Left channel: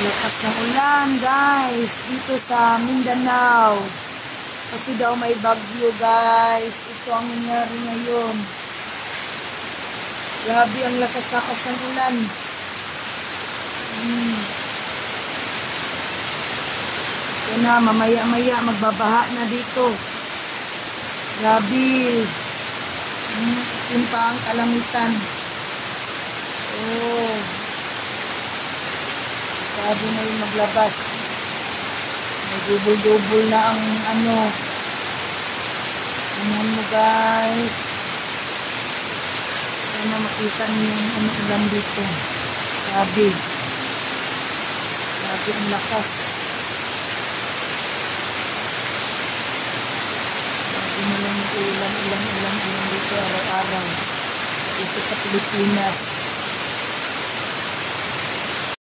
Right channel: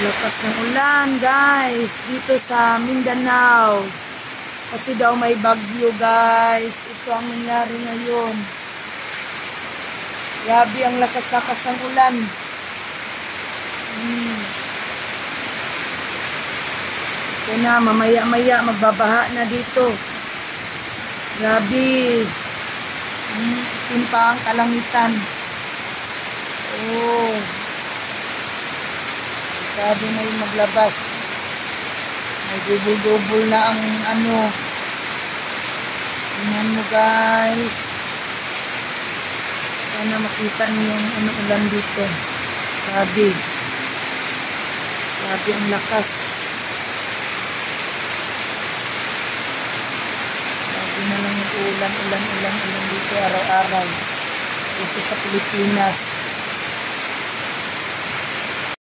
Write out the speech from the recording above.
Lakas ng ulan, guys, dito sa Mindanao. Kasi daw may bagyo, guys. Ito ang nangyari ngayon. Grabe ang lakas-lakas ng ulan. Ito na, mamaya-maya magbabaha na dito. Grabe. Itim pa ang kalangitan. Oh. Grabe na yung maglabas. May gubol-gubol na ang ano. Tingnan mo, guys. Sana makita niyo yung ulan dito. Grabe. Grabe ang lakas. Grabe na lang yung ulan dito araw-araw. Dito sa Pilipinas.